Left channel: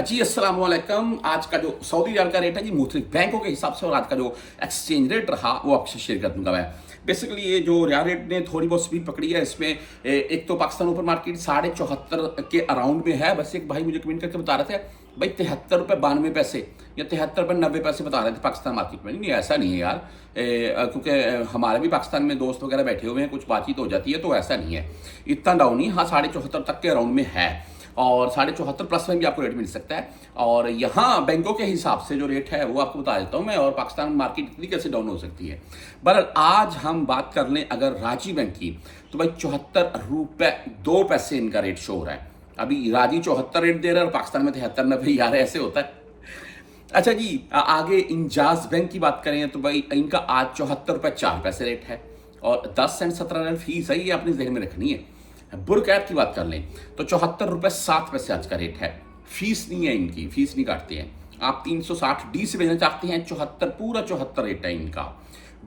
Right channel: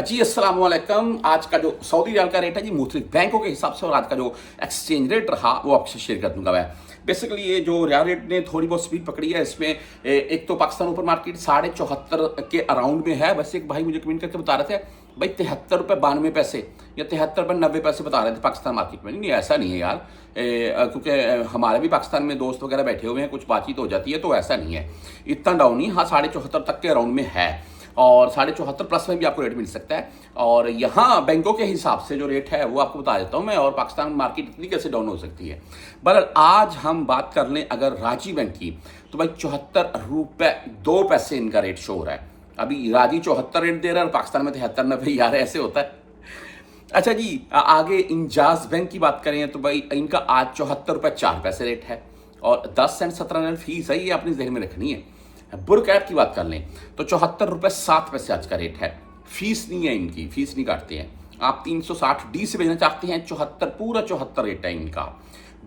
जी अस्सलाम वालेकुम। आज का जो सऊदी रियाल का रेट है जी मुख्तलिफ बैंकों के हिसाब से और आज का जो एक्सचेंज रेट रहा वो आपसे शेयर कर दूंगा मैं। बेसिकली ये जो रियाल रेट ने थोड़ी बहुत स्पीड पकड़ी है इसमें एक तो पाकिस्तान ओपन मार्केट 74.5 के अराउंड में है। वैसे एक भाई मुझे कमेंट करके बता रहे थे भाई 73 रुपये 92 पैसे या 73 रुपये 90 पैसे बता रहे थे पाकिस्तान मार्केट में। नहीं ऐसा नहीं है यार, क्योंकि हमारे भी पाकिस्तान में दोस्त वगैरह बैठे हुए हैं, कुछ बातचीत हो जाती है तो ऐसा नहीं है, इतना डाउन नहीं। हाँ 74.5 तक के अराउंड में है और 74.5 प्लस में भी आपको रेट मिल सकता है। और यहाँ बैंकों के हिसाब से जो रेट है वो आपको बता देता हूँ मैं, और पाकिस्तान मार्केट इतनी कैसे डाउन हो सकती है। बहरहाल आज हम बात कर लें अगर राजी बैंक की तो भाई 74 रुपये 2 पैसे इनका रेट शो हो रहा है। अभी राजी 74 रेट दे रहा है और पाकिस्तान में 73 यार ऐसे होता है। अच्छा जी, आगे इंजाज बैंक की बात करें तो भाई इनका आज 74 रुपये 4 पैसे रेट है और 10 सेंट 17 फीस है, ये अपने जहन में रखनी है। बुर्क ऐप की बात कर लें तो 74 रुपये 7 पैसे आज का रेट है। फीस नहीं है इनकी, फीस नहीं काटते हैं। आप 360D से भेजना चाहते हैं 74 पूरा 74 रेट है इनका।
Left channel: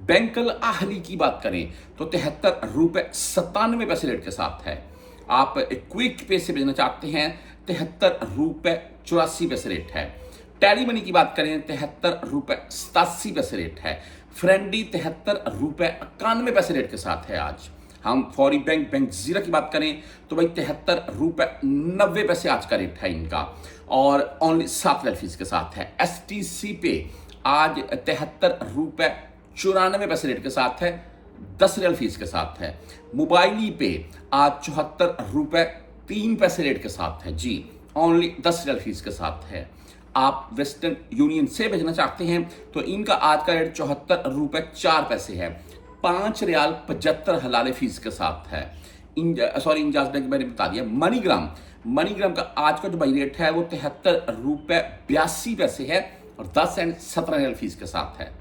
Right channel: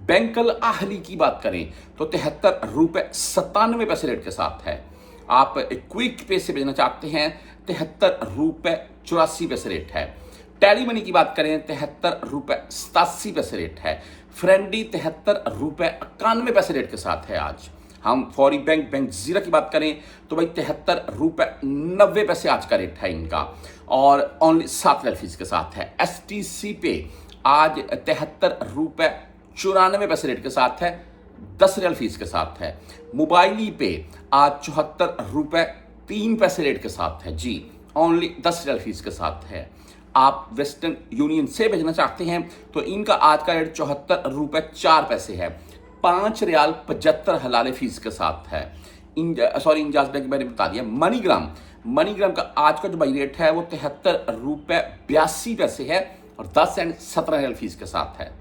बैंकल आहली की बात करें तो 73 रुपये 97 रेट के साथ है। आप क्विक पे से भेजना चाहते हैं 73 रुपये 84 रेट है। टैली मनी की बात करें 73 रुपये 87 रेट है। फ्रेंडी 73 रुपये 91 रेट के साथ है आज। हम फौरी बैंक जीरा की बात करें तो भाई 73 रुपये 90 आज का रेट है इनका और ओनली 7 रियाल फीस के साथ है। STC पे आज 73 रुपये 94 रेट के साथ है, 10 रियाल फीस के साथ है। मोबाइली पे आज 74 रुपये 3 रेट के साथ है जी, ओनली 10 रियाल फीस के साथ है। आप वेस्टर्न यूनियन से भेजना चाहते हैं तो इनका आज का रेट 74 रुपये 4 है, 5 रियाल 75 हलाले फीस के साथ है। इंजाज बैंक मैंने बता दिया। मनीग्राम का आज का जो भाई रेट है वो 73 रुपये 82 है और 10 सेंट 17 रियाल फीस के साथ है।